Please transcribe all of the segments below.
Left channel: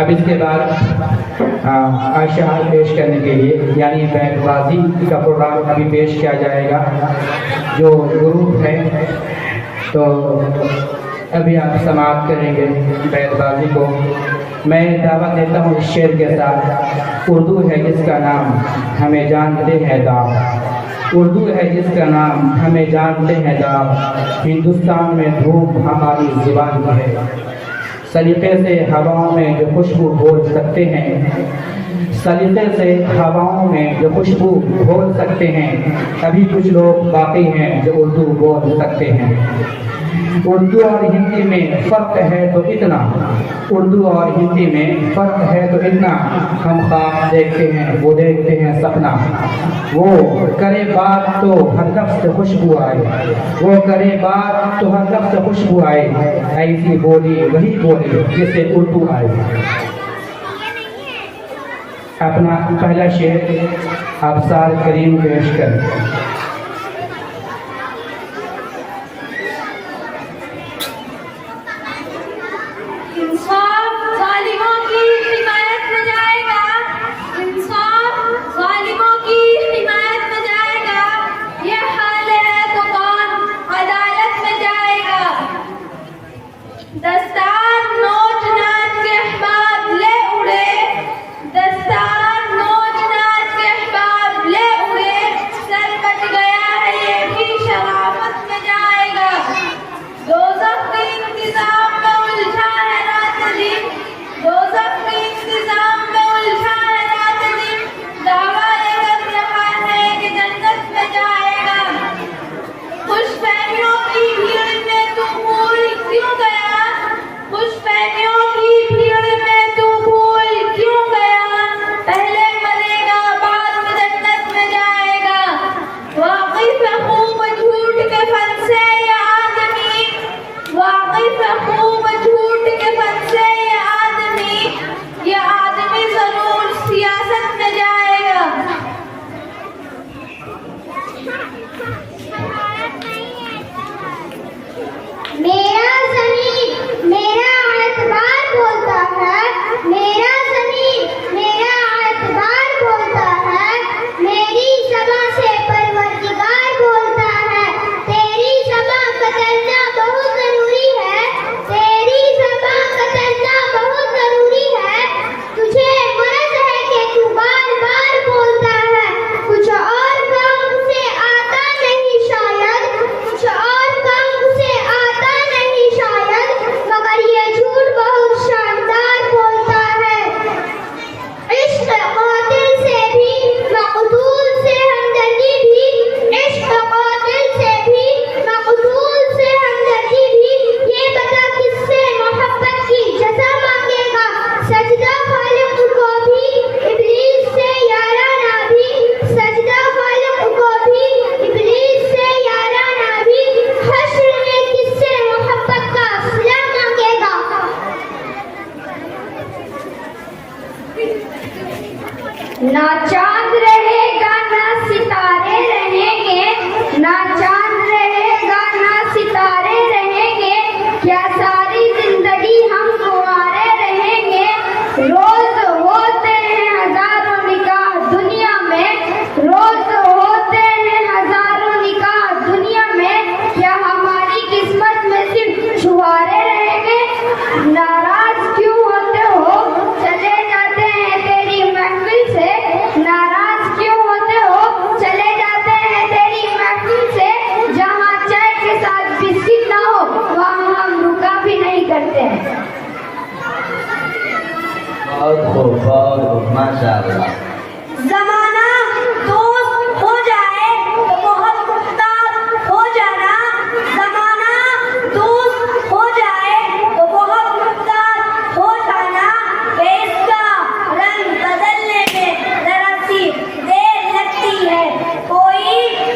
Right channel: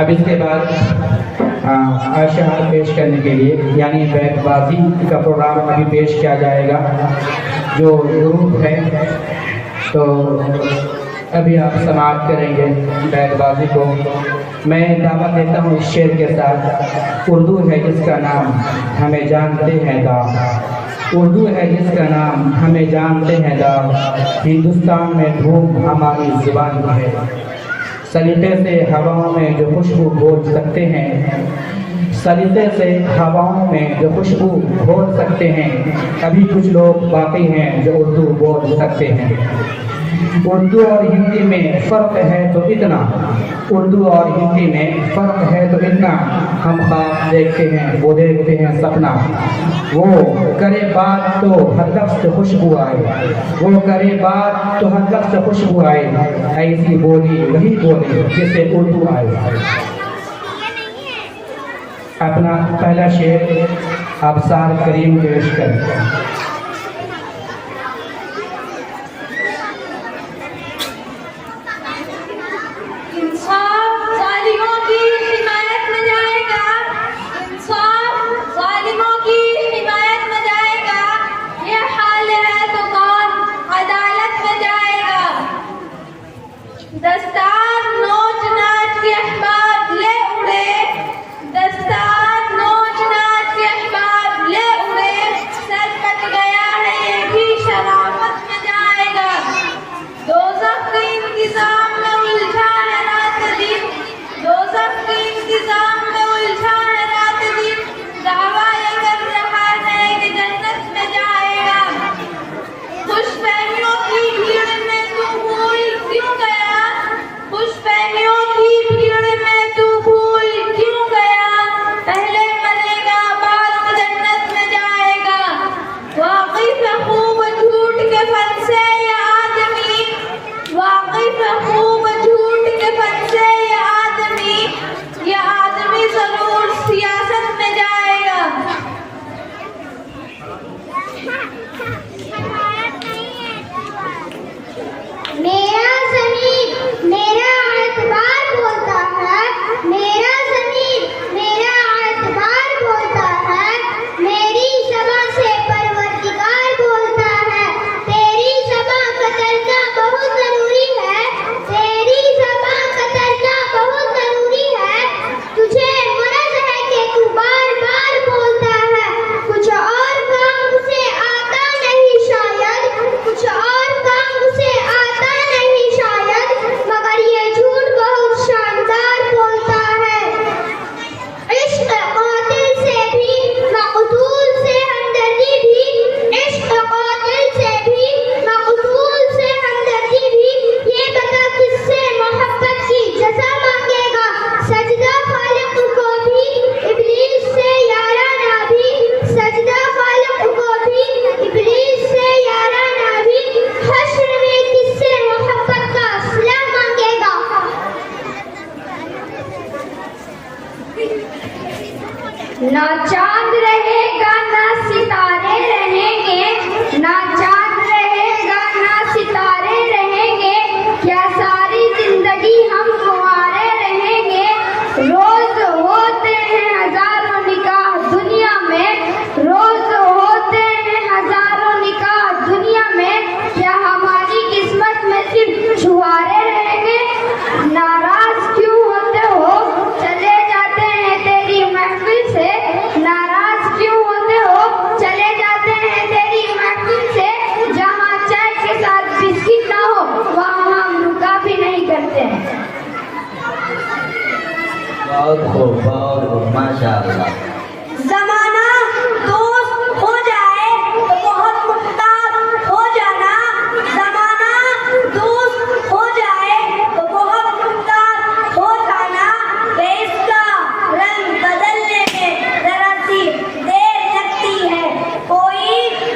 अब इसके बाद आशा पेश करने के लिए यानी बैतबाजी का प्रोग्राम अभी पेश किया जाएगा। जो ग्रुप है तो अभी आप समाप्त करेंगे बैतबाजी को। मैं दावा देता हूँ इस शेर के साथ, उर्दू है जिसका नाम हमें जानते हैं दाव, उर्दू है जिसका नाम हमें जानते हैं दाव, हिंदुस्तान में धूम हमारी ज़ुबान की है। सलीक़े से हवाओं में जो खुशबू घोल सकते हैं, सलीक़े से हवाओं में जो खुशबू घोल सकते हैं, अभी कुछ लोग बाकी हैं जो उर्दू बोल सकते हैं। उर्दू और हिंदी में फ़र्क है तो इतना, उर्दू और हिंदी में फ़र्क है तो इतना, हम ख्वाब देखते हैं वो देखते हैं सपना, वो करे बात तो हर लफ्ज़ से खुशबू आए, वो करे बात तो हर लफ्ज़ से खुशबू आए, ऐसी बोली वही बोली जिसे उर्दू आए। अपना पहला शेर अब्सार करीम पेश करें। ना चांद रहेगा ना सितारे रहेंगे, ना चांद रहेगा ना सितारे रहेंगे, क्या सारी जिंदगी हम कुंवारे रहेंगे। रोज होते हैं हजारों निकाह दुनिया में, रोज होते हैं हजारों निकाह दुनिया में, क्या हमारी किस्मत में सिर्फ छुहारे रहेंगे। नाराज क्यों होते हो चले जाते हैं तेरी महफिल से, नाराज क्यों होते हो चले जाते हैं तेरी महफिल से, जहाँ चाय के साथ बिस्किट ना हो वहाँ हम रुका भी नहीं करते हैं। बहुत खूब माशाअल्लाह। जमाना दोस्त हो जाए तो बहुत मुख्तार हो जाना, जमाना दोस्त हो जाए तो बहुत मुख्तार हो जाना, इसका रंग बदलने में जरा सी देर लगती है। कोई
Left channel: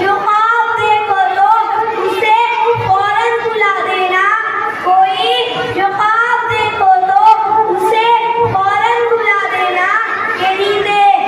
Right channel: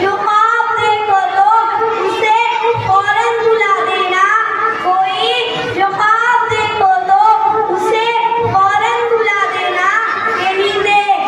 जो ख्वाब देखो तो उसे फौरन बुला देना, कोई जो ख्वाब देखो तो उसे फौरन बुला देना, ये नींदें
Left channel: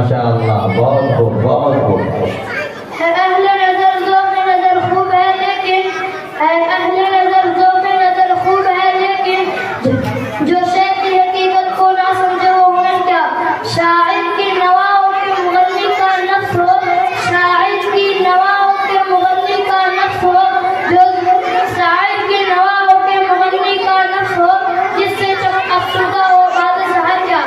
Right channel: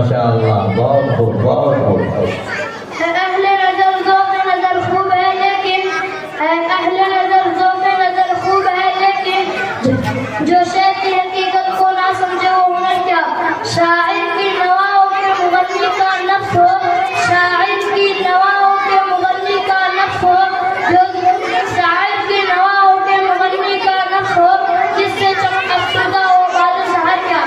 माशाअल्लाह, बहुत खूब, बहुत खूब। अहले नजर ज़ौक़ नजर खूब है लेकिन अहले नजर ज़ौक़ नजर खूब है लेकिन जो शेर की हकीकत को ना समझे वो हुनर क्या। शायर की नवाओं के मुगन्नी का नफ्स हो, शायर की नवाओं के मुगन्नी का नफ्स हो, जो शायर की नवाओं के मुगन्नी का नफ्स हो, जिससे चमक अफ़्सुदा हो बाल शहर क्या।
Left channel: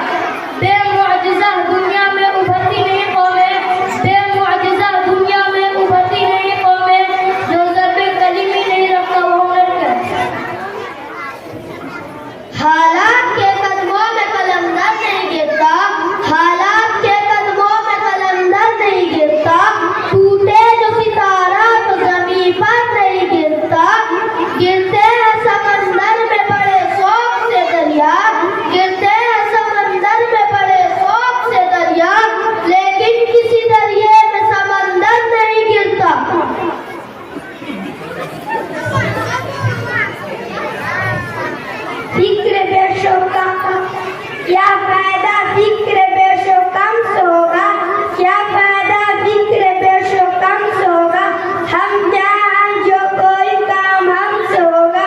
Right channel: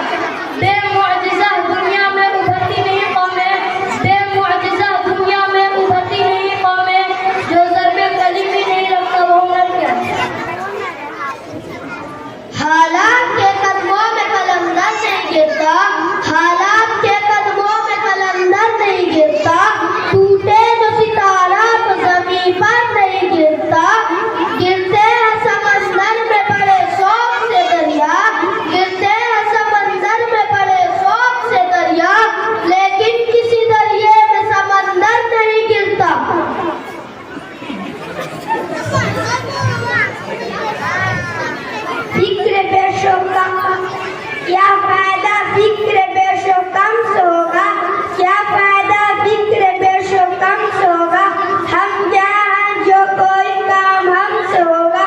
बेमुअजिज़ा दुनिया में उभरती नहीं कौमें, बेमुअजिज़ा दुनिया में उभरती नहीं कौमें, जो ज़र्बे कलीमी नहीं रखता वो हुनर क्या। हालात के कदमों में कलंदर नहीं गिरता, हालात के कदमों में कलंदर नहीं गिरता, टूटे जो सितारा तो ज़मीन पर नहीं गिरता, गिरते हैं समंदर में बड़े शौक से दरिया, गिरते हैं समंदर में बड़े शौक से दरिया, लेकिन किसी दरिया में समंदर नहीं गिरता। फिक्र बेशोका क्या फायदा, फिक्र बेशोकम से होगा, क्या फायदा फिक्र बेशोकम से होगा, हम क्या हम जो कोई काम हमसे होगा,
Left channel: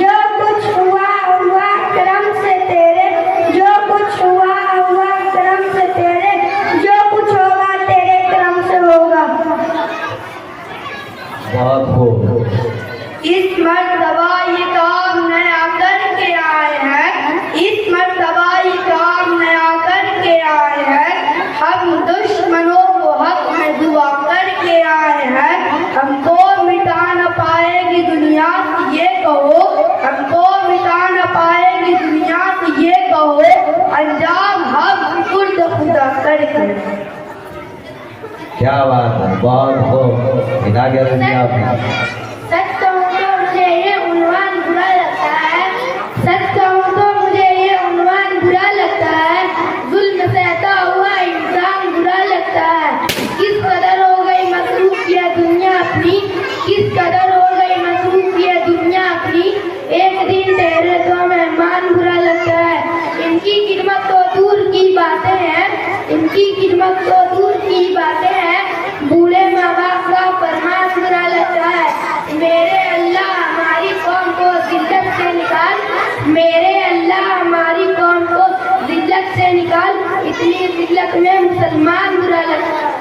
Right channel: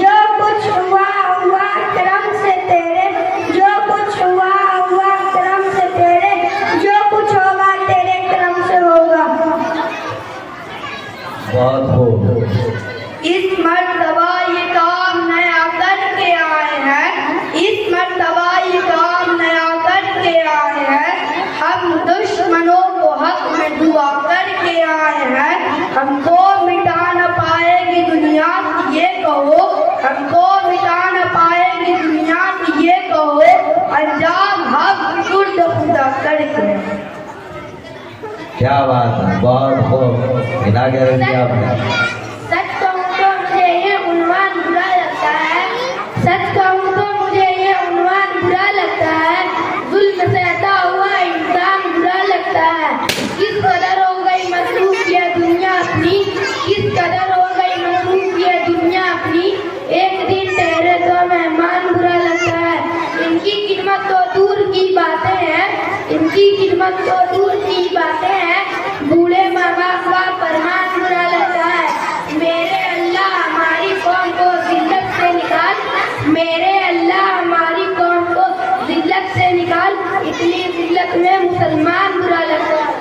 जो कुछ हुआ हुआ करम से तेरे, जो कुछ हुआ हुआ करम से तेरे, जो कुछ होगा तेरे करम से होगा। बहुत खूब। इस मर्तबा ये काम नया करके आए हैं, इस मर्तबा ये काम नया करके आए हैं, हम दुश्मनों को हक में दुआ करके आए हैं, हमको मिटा न पाएगी दुनिया ये कहो, हमको मिटा न पाएगी दुनिया ये कहो, अंजाम हम खुद खुदा करके। क्या बात है, बहुत खूब। इना क्या रखी आपने? सच कहूँ तो मुझे ये उन्वान बुरा लगता है, सच कहूँ तो मुझे ये उन्वान बुरा लगता है, जुल्म सहता हुआ इंसान बुरा लगता है। किस कदर हो गई मसरूफ ये दुनिया अपनी, किस कदर हो गई मसरूफ ये दुनिया अपनी, एक दिन ठहरे तो मेहमान बुरा लगता है। इनकी खिदमत तो दूर की बातें हैं, इनकी खिदमत तो दूर की बातें हैं, बूढ़े माँ बाप का फरमान बुरा लगता है। मेरे अल्लाह हमारी कौम को जिल्लत से निकाल, मेरे अल्लाह हमारी कौम को जिल्लत से निकाल, इतनी जिल्लत में मुसलमान बुरा लगता है।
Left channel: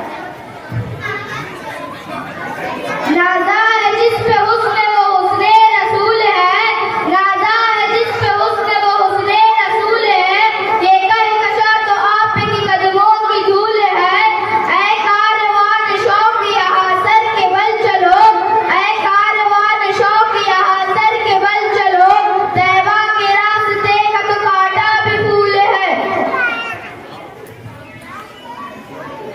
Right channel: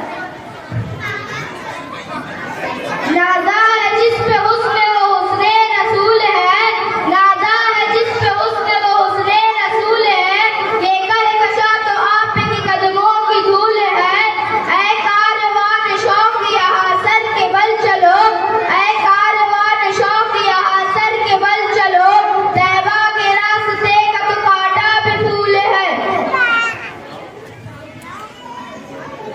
नाज़ा है जिस पे हुस्न वो हुस्ने रसूल है, नाज़ा है जिस पे हुस्न वो हुस्ने रसूल है, देकर कशा तो आप की कदमों की धूल है। ऐ कारवान शौक यहाँ सर के बल चलो, ऐ कारवान शौक यहाँ सर के बल चलो, तैबा के रास्ते का तो कांटा भी फूल है।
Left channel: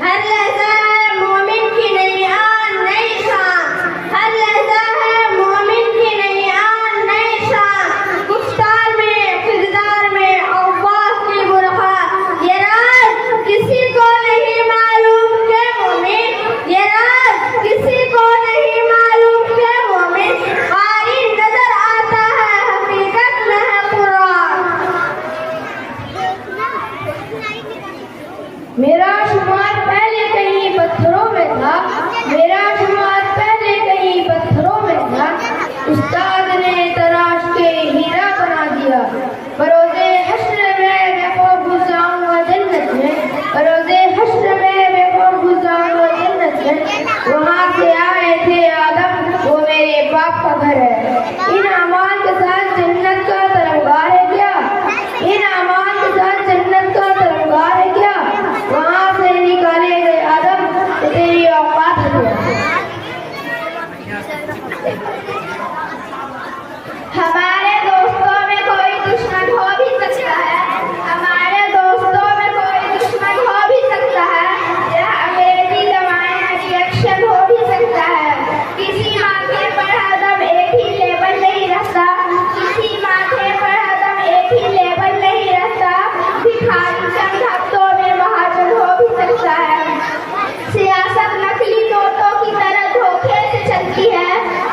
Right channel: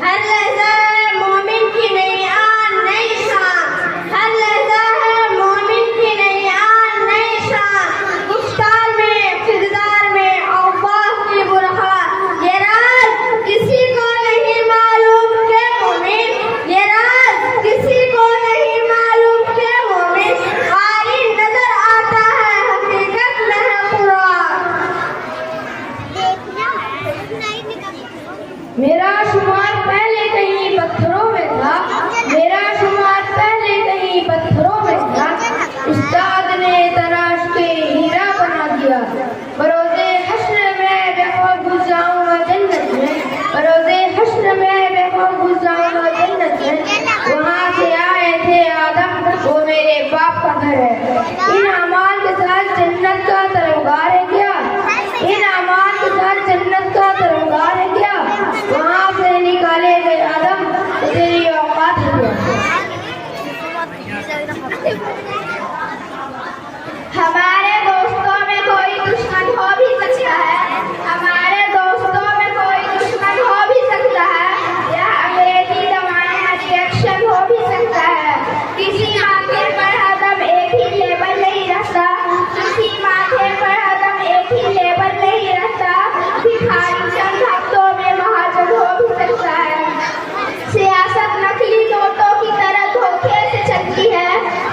हर लहज़ा है मोमिन की नई आन नई शान, हर लहज़ा है मोमिन की नई आन नई शान, गुफ्तार में किरदार में अव्वाह की बुरहान, ये राज किसी को नहीं मालूम के मोमिन, ये राज किसी को नहीं मालूम के मोमिन, कारी नजर आता है हकीकत में है कुरान। मेरा शुमार पहले कहीं पत्थरों में था, मेरा शुमार पहले कहीं पत्थरों में था, उस्ताद ने तराश के हीरा बना दिया। बरोज़े हश्र में बेखौफ घुस जाऊंगा जन्नत में, बरोज़े हश्र में बेखौफ घुस जाऊंगा जन्नत में, वहाँ से आए थे आदम वो मेरे बाप का घर है। इन अमाल के साथ जन्नत का तरंगार है क्या, इन अमाल के साथ जन्नत का तरंगार है क्या, वहाँ से निकाले गए आदम तो तेरी औकात है क्या। हमारे दोस्तों में कोई दुश्मन हो भी सकता है, हमारे दोस्तों में कोई दुश्मन हो भी सकता है, या अंग्रेजी दवाएं रिएक्शन हो भी सकता है। किसी माथे पर हरदम एक ही लेबल नहीं रहता, किसी माथे पर हरदम एक ही लेबल नहीं रहता, भिखारी चंद हफ्तों में महाजन हो भी सकता है। सियासत नकली नोटों की तरह धोखे से चलती है,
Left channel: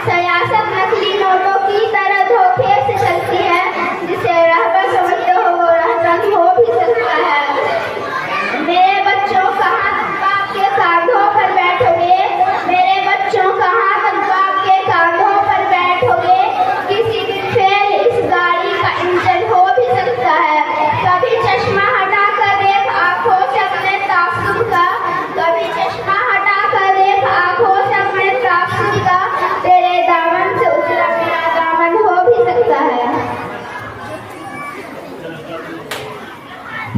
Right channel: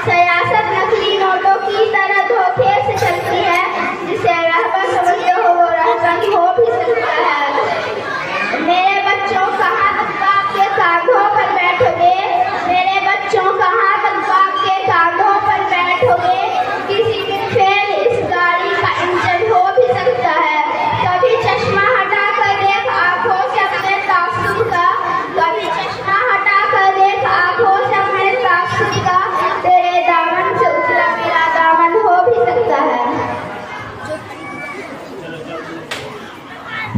सियासत नकली नोटों की तरह धोखे से चलती है, जिसे रहबर समझते हो वो रहबर हो भी सकता है। मेरे बच्चों कहाँ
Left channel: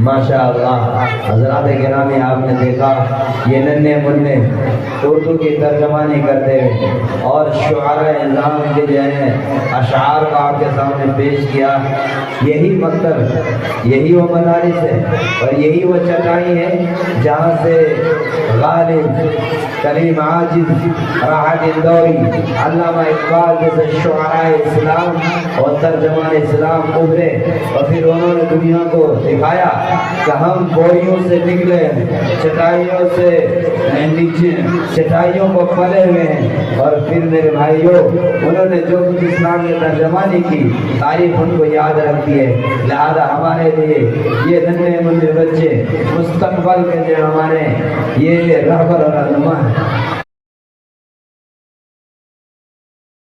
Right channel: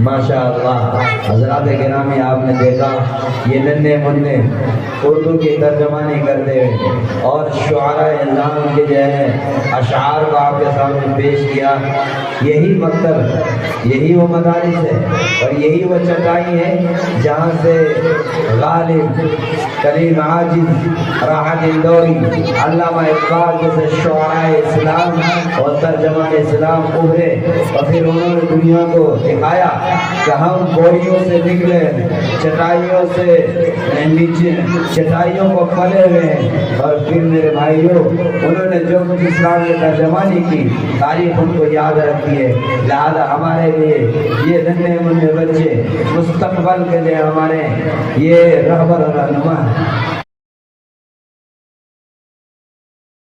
माशाअल्लाह हजरात गिरामी, आपने देखा ये नन्हे मुन्ने उर्दू की तर्जमानी करते हुए और शुआरा इस्लाम के जो है अशार को आपके सामने पेश किया। यही मकतब, यही वो मदारिस है और यही वो चटाई है जहाँ से गालिब, करीम आजिज, राहत इंदौरी, अल्लामा इकबाल जैसे शुआरा इस्लाम और तर्जमान इस्लाम उभरे और फिर उन्होंने दुनिया को दिखाया कि हम बोरियों से निकले, चटाइयों से नीचे, चटाइयों को पले हुए हैं। और फिर मेरे भाइयों, उन्होंने जो कुछ इस्लाम में तर्जमानी की तारीफ उनको याद रखती है। लिहाजा हमारे लिए ये नन्हे मुन्ने बच्चे मुस्तकबल के लिए हमारे ये रहबर और रहनुमा है।